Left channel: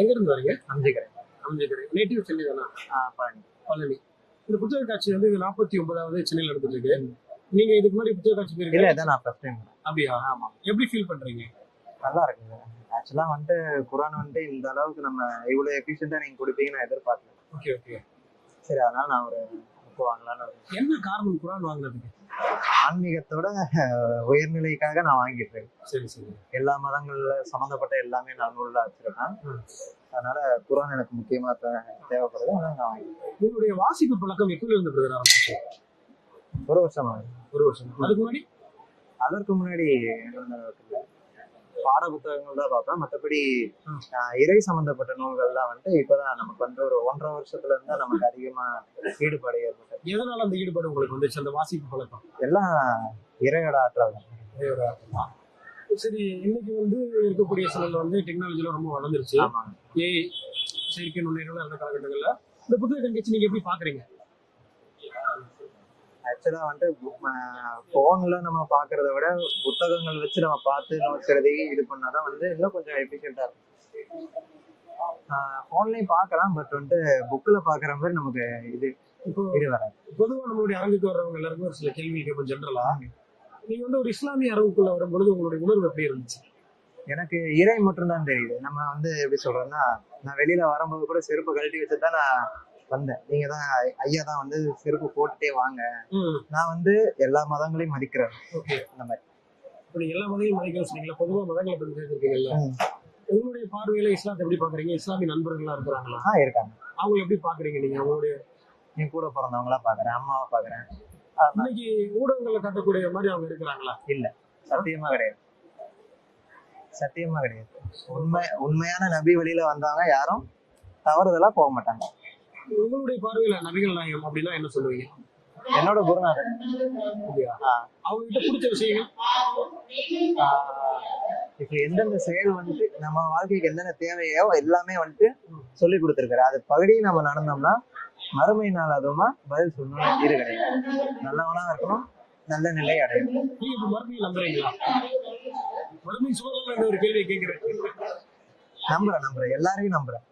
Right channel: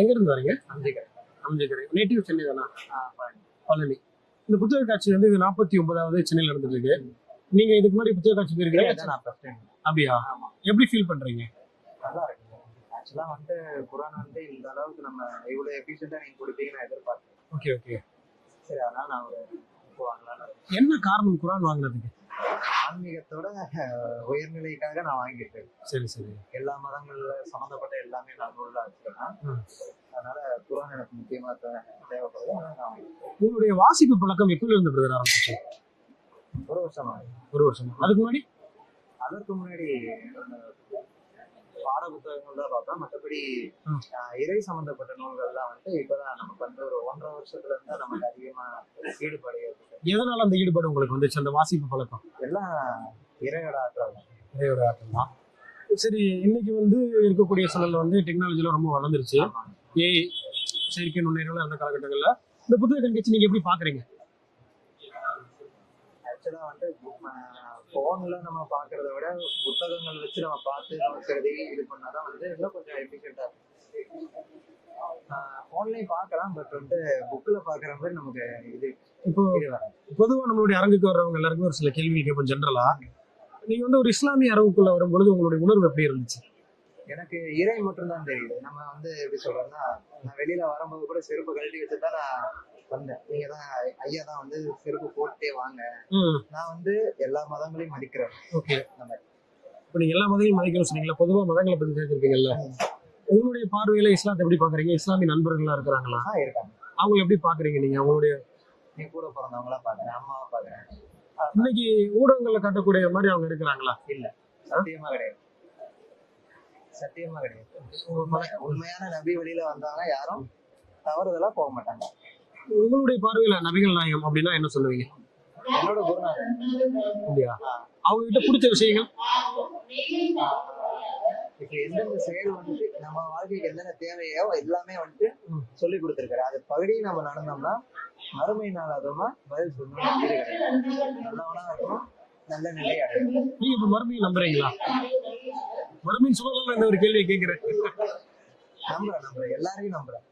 எங்க இருந்து வரீங்க? அம்ஜிகரை. அம்பேத்கர். நேட்டிவ் சென்னை தானா? பழனி. பழனி. இந்த புத்தக காட்சி வந்து இது 49வது சென்னையில நடந்துட்டு இருக்கு. நீங்க இதுக்கு முன்னாடி புத்தக காட்சி இல்ல போயிருக்கீங்க? இதான் நான் ஃபர்ஸ்ட் டைம். அப்படியா? ஆமா. எப்படி ஃபீல் பண்றீங்க? நல்லா இருக்குங்க. ஆக்சுவலா குரான் இந்த அளவுக்கு நம்ம இவ்வளவு எஃபிஷியன்ட்டா நீங்க கொடுப்பீங்கன்னு நான் எதிர்பார்க்கல. Okay okay. சரி, அதனால நான் ஒரு புக் வாங்கலாம்னு என்ன காரணம் குரான் வாங்குறதுக்கு? ஆன்மீகத்தோட உயர்நிலைக்காக நான் வாங்கிட்டு இருக்கேன். சரி சரி. எல்லா மதங்கள்ல சம்மந்தப்பட்ட எல்லாமே நான் நூல்ல வச்சிருக்கேன். அதனால குரான் எனக்கு முக்கியமா தேவைப்படுது. அதனால நான் வாங்கிட்டேன். உங்களுடைய வாசிப்பு பழக்கம் எப்பல இருந்து பிரதர் ஆரம்பிச்சு? ஒரு வருஷம் ஆகுது. ஒரு வருஷம். அதுக்கு முன்னாடி அதற்கு முன்னாடி பாட புத்தகங்கள் தான் பார்ப்பேன். மற்றபடி இறை சம்பந்தப்பட்ட நூல்கள்லாம் இப்பதான் நமக்கு ஒரு 1.5 வருஷத்துல இருந்தா நமக்கு அதிகமா ஈடுபாடு ஏற்பட்டது. எதனால அந்த ஈடுபாடு உங்களுக்கு வந்துச்சு, அந்த வாசிப்பு பழக்கம்? எல்லாம் இறையோட ஆற்றல் தான். இறையோட ஆற்றல் தான். சரி, இன்னைக்கு வந்து இருக்கக்கூடிய சூழல்ல வந்து டெக்னாலஜிலாம் ரொம்ப வளர்ந்துருச்சு. ஏஐ, செயற்கை நுண்ணறிவுகள் அந்த காலகட்டங்கள்ல இந்த புத்தக கண்காட்சி நீங்க எப்படி பாக்குறீங்க? ஆக்சுவலா போன்ல நம்ம பாக்குறத விட புத்தகங்கள் வச்சு நம்ம பார்த்து நோக்கிறது இது பண்ணாதான் இன்னும் கொஞ்சம் எஃபிஷியன்டா இருக்கும். போன்லயும் பாக்கலாம், பட் புக்ல பாக்குற மாதிரி நமக்கு இது இப்போ இது வராது. பொதுவா நம்மளுடைய அரங்குக்கு வர்றவங்க எல்லாருக்கும் ஒரு சில கேள்வி கேட்போம் ஜென்ரலா. நீங்க வந்து ஒரு இஸ்லாமிய அரங்குக்குள்ள வரும்பொழுது உங்களுடைய உணர்வு எப்படி இருந்துச்சு? எனக்கு இறை மட்டும்தான் தெரியுது. நம்ம எப்படி சொல்றோம்னா, நான் வெளியில வரும்போது கூட செருப்பு கழட்டி வச்சுதான் நான் வந்தேன். நீங்க தான் ஐயா தான் செருப்பு போட்டுட்டே வாங்க. நான் எல்லா மதங்களையும் மதிக்கிறேன். ஓகே. அந்த மாதிரி இப்ப நீங்க எல்லா மதங்களையும் மதிக்கணும்னு சொன்னீங்களா? பொதுவா மதங்களை பத்தி கேட்டிருக்கீங்கல்ல, உங்களுடைய பார்வையில இஸ்லாத்தை எப்படி பாக்குறீங்க? இஸ்லாமிய நண்பர்களா இருக்கிறாங்களா? இருக்காங்க. அவங்க எப்படி பாக்குறீங்க? நீங்க அவங்களுடைய என் கூட பிறந்தவங்களா பாக்குறேன், அம்மாவை பாக்குறேன். இன்னைக்கு ஊடகங்கள்ல காட்டக்கூடிய மாதிரி அவங்க இருக்கிறாங்களா? இல்ல, சத்தியமா கிடையாது. சத்தியமா கிடையாது. உண்மையான நபி வழியில வந்தாங்க யாரும் தவறுதலா போக மாட்டாங்க. உங்களுடைய பார்வையில நபிகள் நாயகம் அப்படின்னா என்ன சொல்லுவீங்க? என்னோட குருநாதர். இல்லையா? அவங்க கிட்ட பிடிச்ச விஷயங்கள் இப்ப எந்தெந்த செயல் நம்ம வாழ்க்கைக்கு என்னென்ன தேவையோ எல்லாமே சொல்லி கொடுத்திருக்காரு. அது பகுதி நம்ம நடந்தோம்னா மறுமை நாள் அதுமா பதில் சொல்லணும். இது கிடையாது. நல்லவனா இருக்கணும், நல்ல நிலை அடையணும். நீங்க இப்ப மறுமையை நம்புறீங்களா? மறுமையை சொல்லலாம். இந்த ஒரு கேள்வி கேட்கிறேன். நம்புறேன், எல்லாரையும் நம்புறேன்.